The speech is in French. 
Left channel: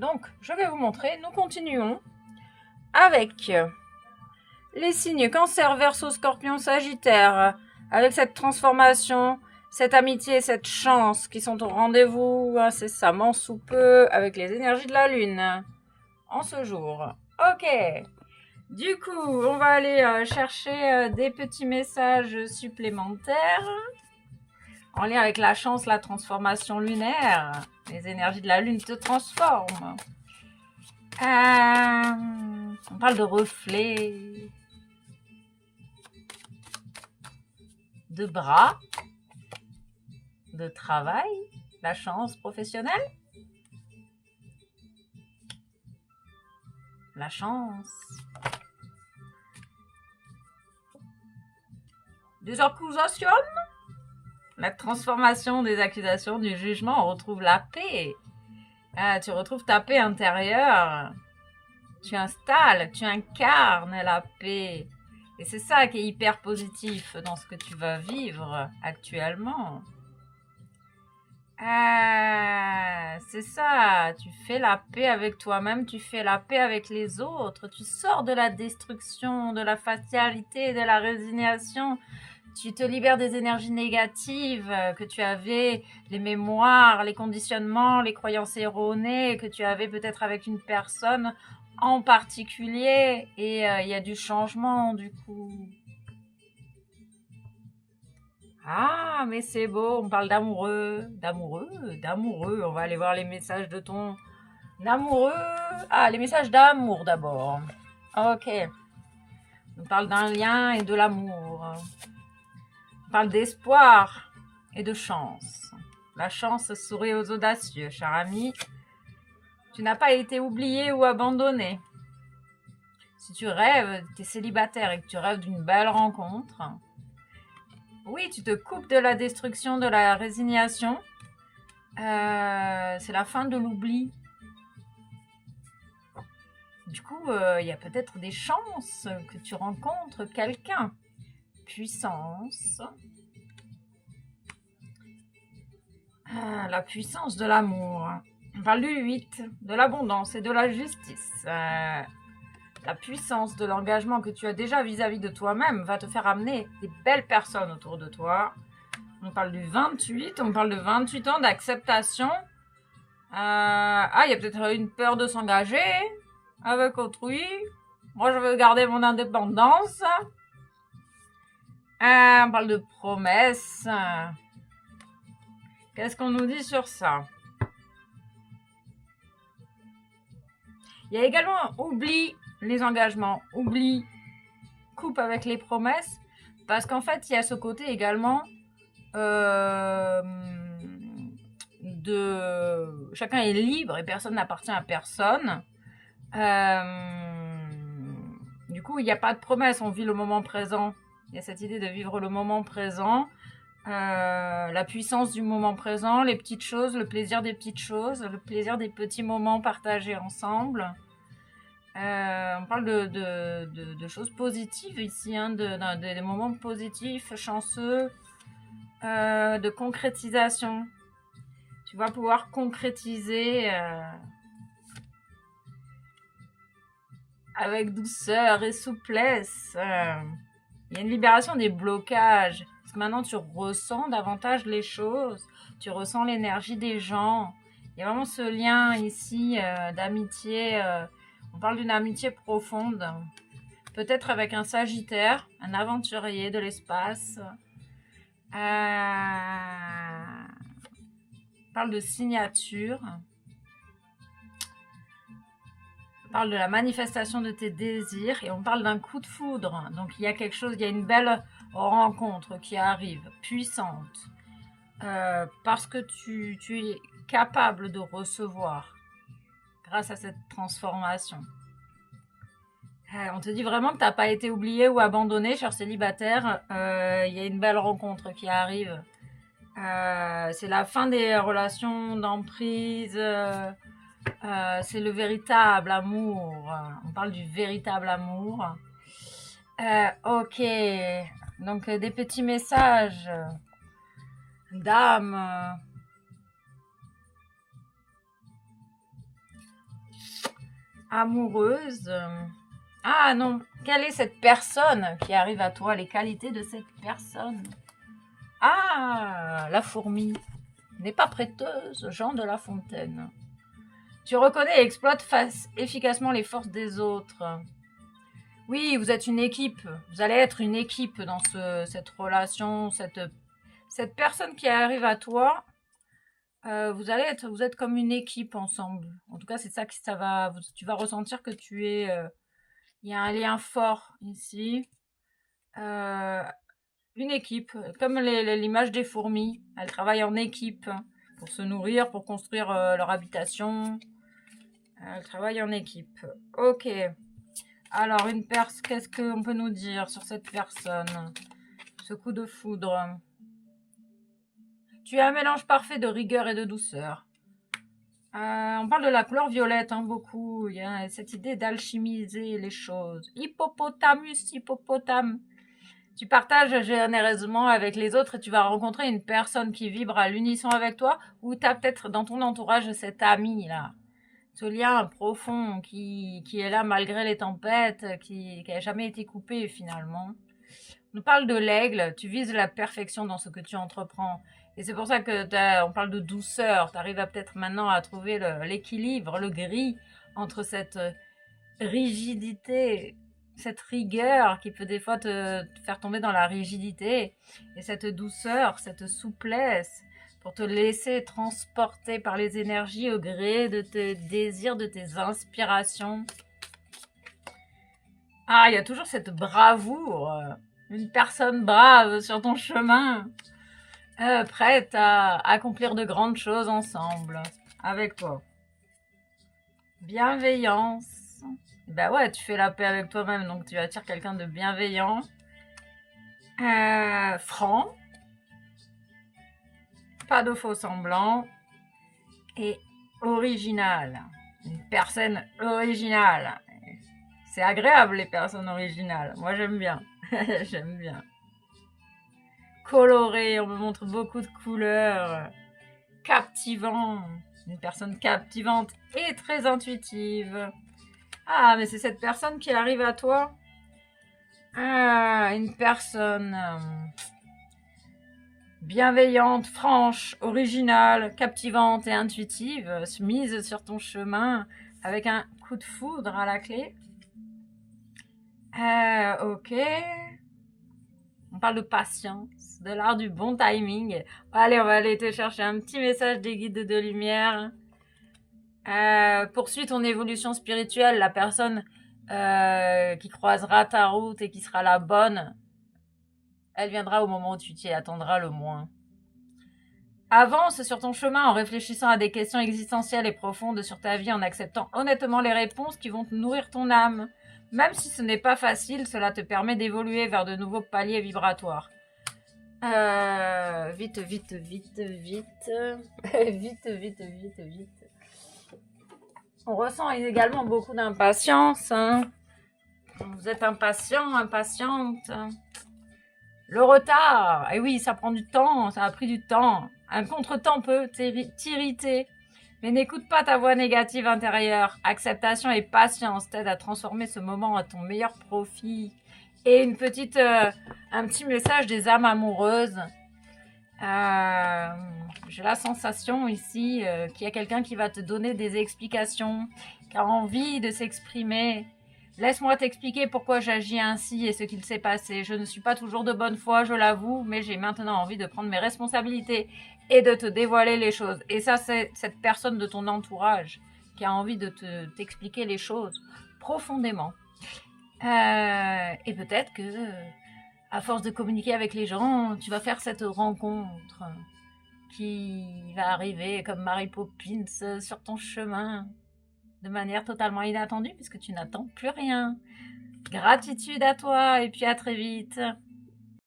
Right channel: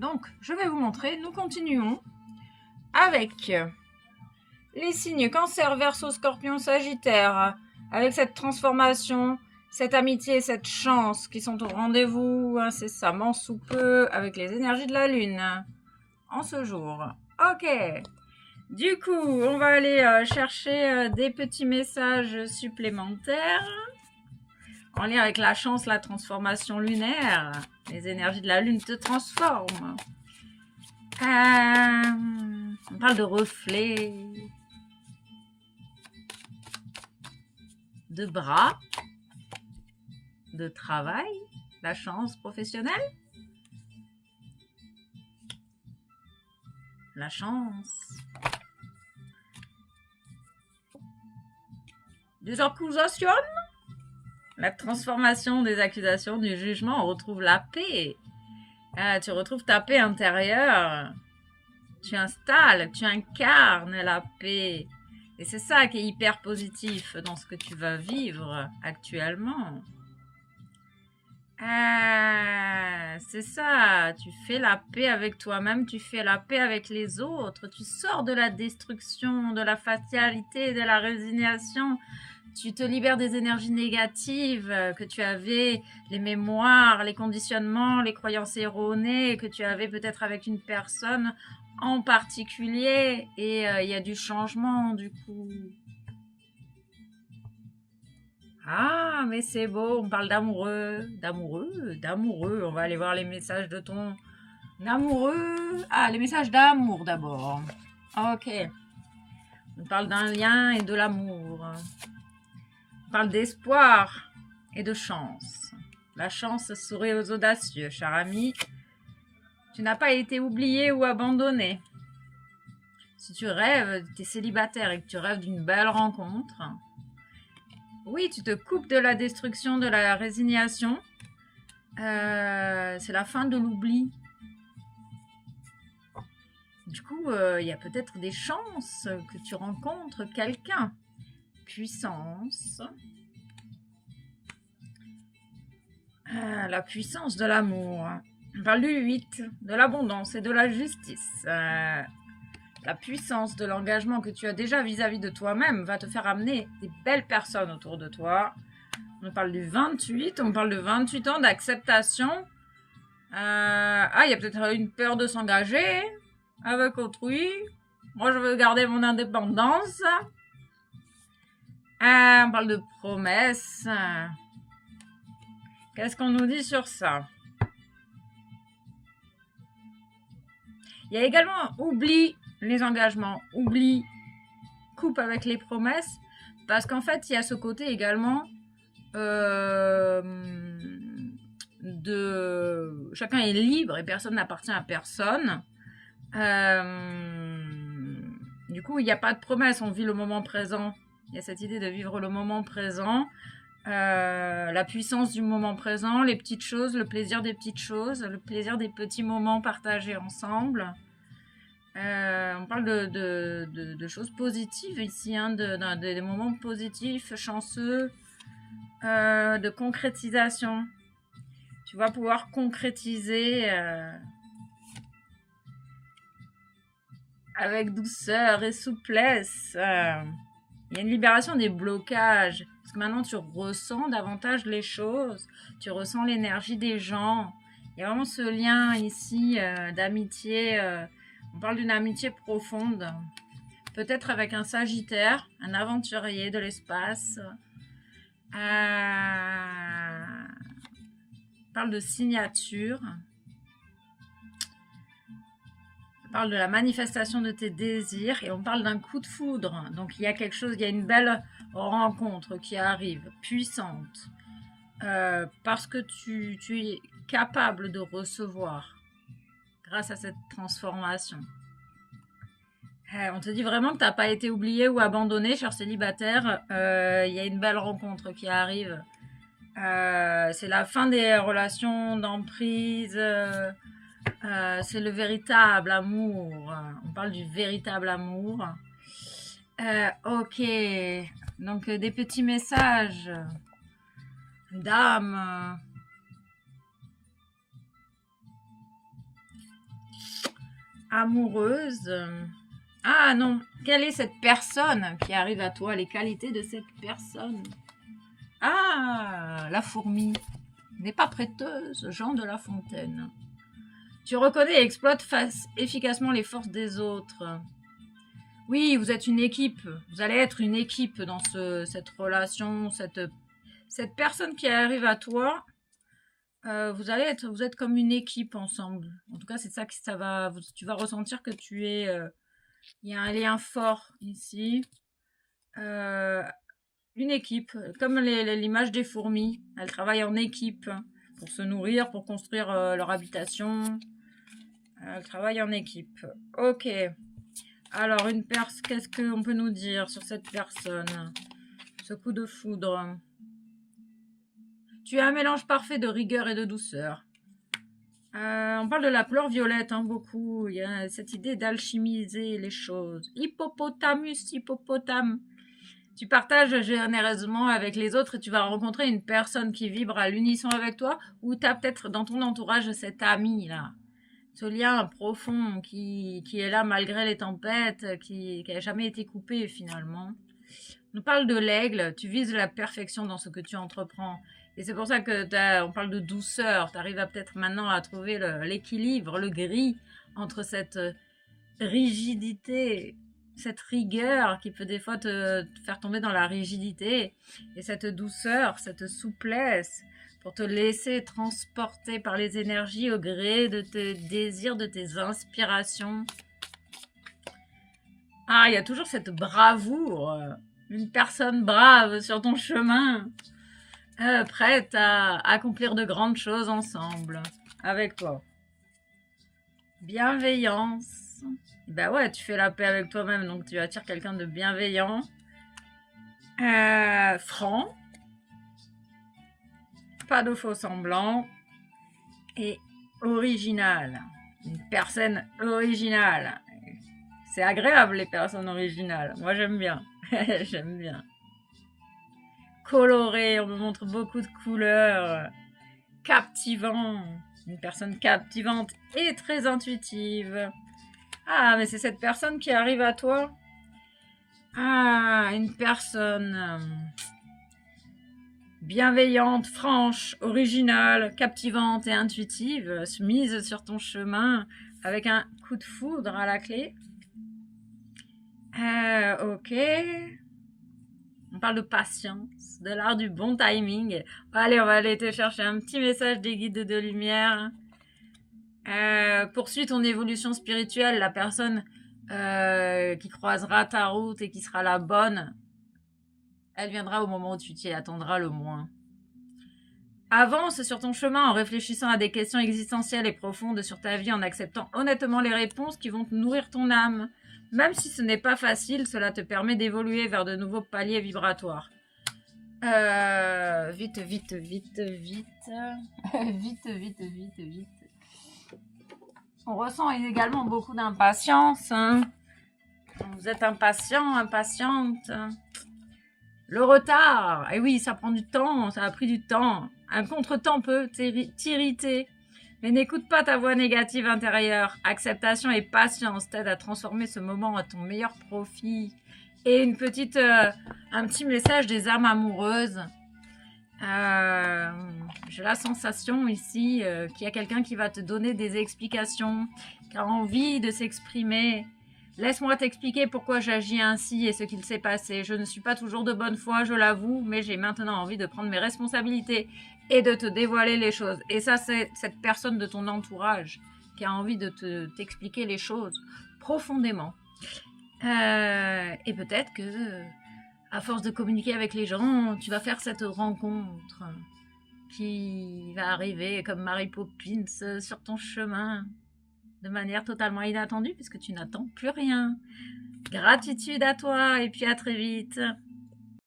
Donc, je vais vous montrer. Nous continuons avec les signes Cancer, Verseau, Scorpion, Sagittaire. Avec cette transformation, cette amitié, cette chance qui sont au rendez-vous incessamment sous peu avec les énergies de la Lune en ce jour. Ok. Du coup, on va aller chercher des petits messages supplémentaires en lien avec la chance, la transformation lunaire. Les énergies de la Lune te transforment. On parle de reflets, de bras, de travail, la chance professionnelle, la chance, des accusations, la transformation des accusations, du jugement, on retrouve la paix. Tu retrouves ta paix intérieure. Tu installes, tu incarnes la paix. Et c'est ça qui est hyper positif dans ce que tu vas vivre actuellement. C'est ça, tu fais la paix avec toi-même, tu fais la paix avec les autres, tu sors de la destruction, de la fatalité, de la résignation. Tu te libères des énergies négatives que tu avais, les mémoires, les conditionnements, les croyances erronées que tu avais peut-être avec une personne en particulier. Et il y a du changement du coup. Ah, mais c'est beau, on parle d'amoureux, d'amoureux. On va aller voir les messages de ton amoureux. Ah, les messages d'amour d'abord. Ok. On parle d'un lien et de l'amour. On parle d'espoir et de chance. La chance sourit aux audacieux, cher ami. Tu n'as pas été oublié ou abandonné. Si tu rêves, tu es célibataire et que tu rêves d'une belle rencontre, oui, tu te coupes de la destruction, de la résignation. C'est la fin de l'oubli. Du coup, il y a peut-être des chances que tu rencontres quelqu'un. Puissance. La puissance de l'amour. On parle du 8, de l'abondance et de la justice. La puissance de l'engagement que tu as déjà vis-à-vis de toi-même va te faire amener des belles personnes autour de toi. On parle du 28, on parle de 28 ans d'acceptation. Il y a peut-être une peur de s'engager avec autrui. Moi, je veux garder mon indépendance. On parle de promesses. Qu'est-ce qu'on nous dit sur ça? Il y a également oublie les engagements, oublie, coupe avec les promesses, parce qu'en fait, il y a ce côté également de chacun est libre et personne n'appartient à personne. Du coup, il n'y a pas de promesse, on vit le moment présent. Il y a cette idée de vivre le moment présent, la puissance du moment présent, les petites choses, le plaisir des petites choses, le plaisir des petits moments partagés ensemble. On parle de choses positives ici, hein, des moments positifs, chanceux, de concrétisation. Tu vas pouvoir concrétiser avec douceur et souplesse. Il y a une libération des blocages. Parce que maintenant, tu ressens davantage les choses. Tu ressens l'énergie des gens. Il y a vraiment ce lien ici d'amitié. On parle d'une amitié profonde. Peut-être avec un Sagittaire, un aventurier de l'espace. On parle de signature. On parle de la manifestation de tes désirs et on parle d'un coup de foudre. Donc il y a quelque chose, il y a une belle rencontre qui arrive, puissante. Parce que tu es capable de recevoir grâce à cette transformation. On te dit vraiment que tu n'as pas été oublié ou abandonné, cher célibataire. Il y a une belle rencontre qui arrive. C'est la fin des relations d'emprise. C'est le véritable amour. On parle du véritable amour. Ok. Donc, des petits messages d'âme. amoureuse. Ah non, quelle est cette personne qui arrive à toi? Les qualités de cette personne. Ah, la fourmi n'est pas prêteuse, Jean de La Fontaine. Tu reconnais et exploites efficacement les forces des autres. Oui, vous êtes une équipe. Vous allez être une équipe dans cette relation, cette personne qui arrive à toi. Vous êtes comme une équipe ensemble. En tout cas, c'est ça que tu vas ressentir que il y a un lien fort ici. Euh, une équipe, comme l'image des fourmis. Elles travaillent en équipe pour se nourrir, pour construire leur habitation. Elles travaillent en équipe. Ok. Alors, qu'est-ce qu'on peut nous dire sur cette personne? Ce coup de foudre. Tu as un mélange parfait de rigueur et de douceur. On parle de la couleur violette, hein, beaucoup. Il y a cette idée d'alchimiser les choses. Hippopotamus, hippopotame. Tu partages généreusement avec les autres et tu vas rencontrer une personne qui vibre à l'unisson avec toi, ou tu as peut-être dans ton entourage cet ami-là. Ce lien profond qui est là malgré les tempêtes, qui n'a jamais été coupé finalement. On nous parle de l'aigle, tu vises la perfection dans ce que tu entreprends. Et c'est pour ça que on parle de douceur. Tu arrives à peut-être maintenant à trouver l'équilibre, le gris entre cette rigidité, cette rigueur qui peut des fois te faire tomber dans la rigidité, et cette douceur, cette souplesse pour te laisser transporter par les énergies au gré de tes désirs, de tes inspirations. Ah, il y a toujours cette bravoure, une personne brave sur ton chemin, prête à accomplir de grandes choses ensemble, avec toi. Bienveillance. Ben ouais, tu fais la paix avec toi-même, donc tu attires quelqu'un de bienveillant. Franc. Pas de faux semblants. Et original. Une personne originale. C'est agréable, les personnes originales. Moi, j'aime bien. J'aime bien. Coloré, on me montre beaucoup de couleurs. Captivant. Une personne captivante et très intuitive. Ah, mais c'est cette personne qui arrive à toi. Ah, une personne bienveillante, franche, originale, captivante et intuitive, mise sur ton chemin avec un coup de foudre à la clé. Ok. On parle de patience, de l'art du bon timing. Allez, on va aller te chercher un petit message des guides de lumière. Poursuis ton évolution spirituelle. La personne qui croisera ta route et qui sera la bonne, elle viendra au moment où tu t'y attendras le moins. Avance sur ton chemin en réfléchissant à des questions existentielles et profondes sur ta vie, en acceptant honnêtement les réponses qui vont te nourrir ton âme. Même si ce n'est pas facile, cela te permet d'évoluer vers de nouveaux paliers vibratoires. Vite. Vite. On ressent également beaucoup d'impatience. Hein. Vous êtes impatient, impatiente. Le retard, et oui, ça prend du temps, ça a pris du temps. Un contretemps peut t'irriter, mais n'écoute pas ta voix négative intérieure. Acceptation et patience t'aident à transformer ce moment à ton meilleur profit. Et un petit message des âmes amoureuses. J'ai la sensation ici qu'il y a quelqu'un qui va te donner des explications, qui a envie de s'exprimer. Laisse-moi t'expliquer pourquoi j'agis ainsi et ce qu'il s'est passé. Je ne suis pas toujours de bonne foi, je l'avoue, mais j'ai maintenant envie de prendre mes responsabilités et de te dévoiler les choses. Et ça, c'est cette personne de ton entourage qui a envie de t'expliquer les choses profondément. Et peut-être que, à force de communiquer avec les gens, tu vas faire cette rencontre qui va arriver comme Mary Poppins sur ton chemin, de manière totalement inattendue puisque tu n'attends plus rien. Gratitude à toi et puis à très vite.